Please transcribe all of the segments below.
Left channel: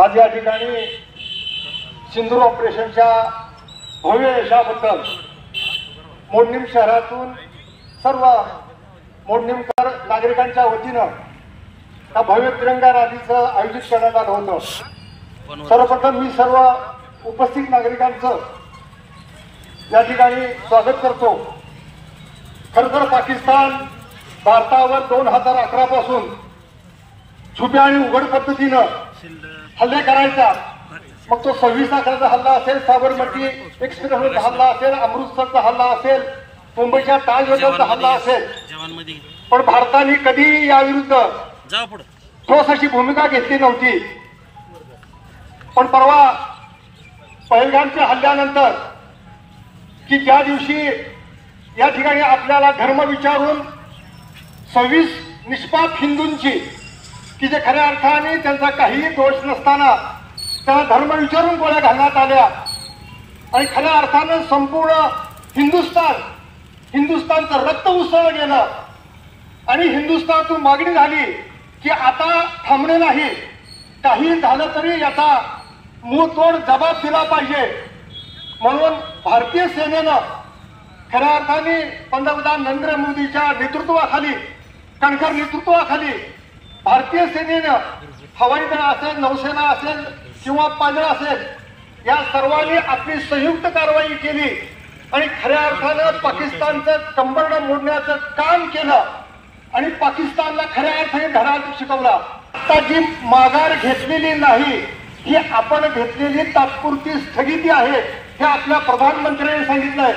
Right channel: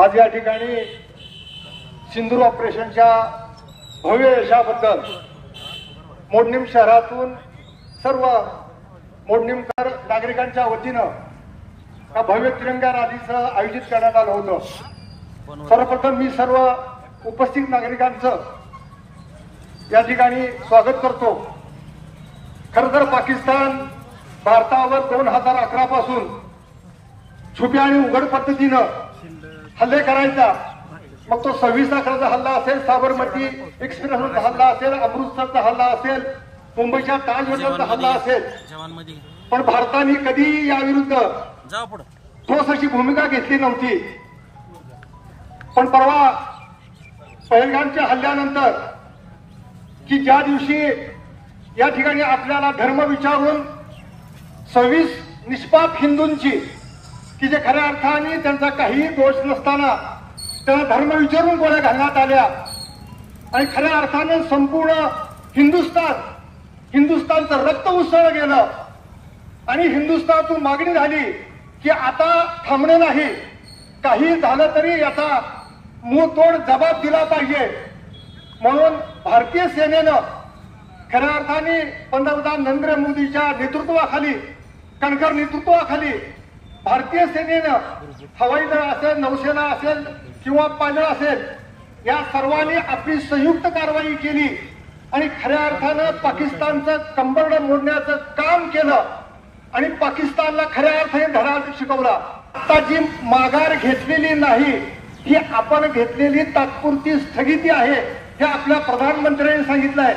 आज या ठिकाणी सिंदूर ऑपरेशनच्या भव्य यशाबद्दल मोडणीम शहरातून सर्व मोडणीमकर नागरिकांच्या वतीनं या भव्य तिरंगा रॅलीचं आयोजित करण्यात आलं होतं। सर्वप्रथम मी सर्व उपस्थित नागरिकांचं या ठिकाणी स्वागत करतो। खरं तर पाकिस्तान भारतावर 2011 पासून छुप्या आणि उघड पद्धतीनं हल्ले करायचा, मग तो 26/11चा हल्ला असेल, साबरमती एक्सप्रेसवरचा हल्ला असेल, अमृतसरचा हल्ला असेल, मुंबईच्या ताज हॉटेलचा हल्ला असेल, पण भारताने कधी याविरुद्ध ठोस अशी भूमिका घेतली नव्हती। पण परवा पहलगामच्या हल्ल्यानंतर की ज्या दिवशी या ठिकाणी आपल्याला धर्म विचारून 26 निष्पाप हिंदूंची की जे खऱ्या अर्थाने त्यांचा काही दोष नसताना त्यांना धर्म विचारून गोळ्या घालण्यात आल्या आणि खऱ्या अर्थाने संपूर्ण हिंदुस्थानचं रक्त उसळलं गेलं आणि हिंदुस्थानातून मागणी झाली की आता थांबणे नाही, काही झालं तरी याचा मुंहतोड जबाब दिला पाहिजे। म्हणून भारतीय सेनेनं खऱ्या अर्थाने पंतप्रधान नरेंद्र मोदीच्या नेतृत्वाखाली, कणखर नेतृत्वाखाली भारतीय सेनेनं हवाई दल असेल, नौसेना असेल किंवा पायदळ असेल, या सर्वांनी आपली संयुक्त कारवाई केली आणि खऱ्या अर्थानं पाकिस्तानचं कंबरडं मोडण्याचं काम केलं आणि पाकिस्तानला खऱ्या अर्थाने धडा शिकवला। आता जी माघार घेतलेली नाही, ही आपण घेतलेली तात्पुरती स्थगिती आहे, हे आपल्या प्रधानमंत्र्यांनी सांगितलंय।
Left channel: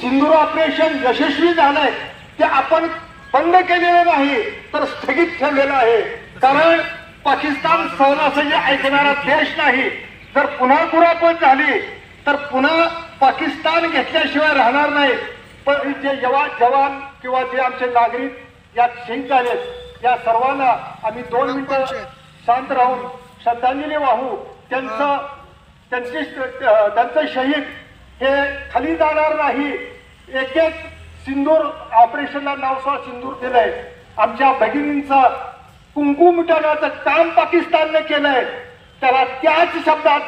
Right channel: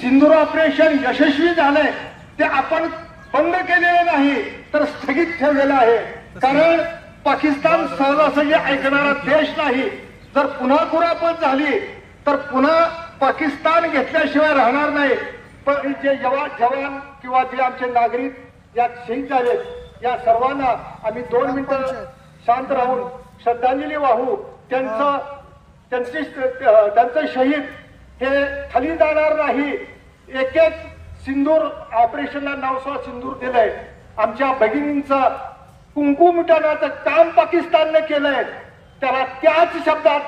सिंदूर ऑपरेशन यशस्वी झालंय, ते आपण बंद केलेलं नाही तर स्थगित ठेवलेलं आहे, कारण पाकिस्तान सहजासहजी ऐकणारा देश नाही। जर पुन्हा कुरापत झाली तर पुन्हा पाकिस्तान घेतल्याशिवाय राहणार नाही। पण जे जवान किंवा जे आमचे नागरिक यात शहीद झालेत, या सर्वांना आम्ही 2 मिनिटं शांत राहून श्रद्धांजली वाहू। त्यांचं शहीद हे खाली जाणार नाही। एक एक सिंदूर ऑपरेशनला नावसा सिंदूर दिलंय, आमच्या भगिनींचा कुंकू मिटवण्याचं काम पाकिस्तानने केलंय, त्याला त्याच शब्दात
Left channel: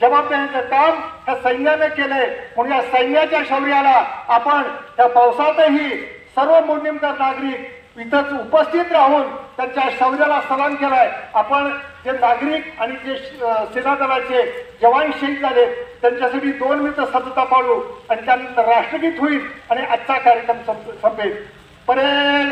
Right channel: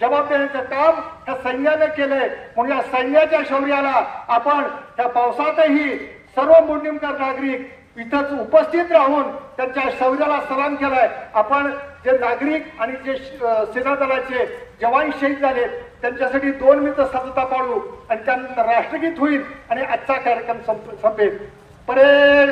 जबाब देण्याचं काम ह्या सैन्याने केलंय। म्हणून या सैन्याच्या शौर्याला आपण त्या पावसातही सर्व मोडणीमकर नागरिक इथंच उपस्थित राहून त्यांच्या शौर्याला सलाम केलाय। आपण जे नागरिक आणि जे सेना दलाचे जवान शहीद झाले त्यांच्यासाठी 2 मिनिटं सतता पाळू आणि त्यानंतर राष्ट्रगीत होईल आणि आजचा कार्यक्रम संपेल। परेड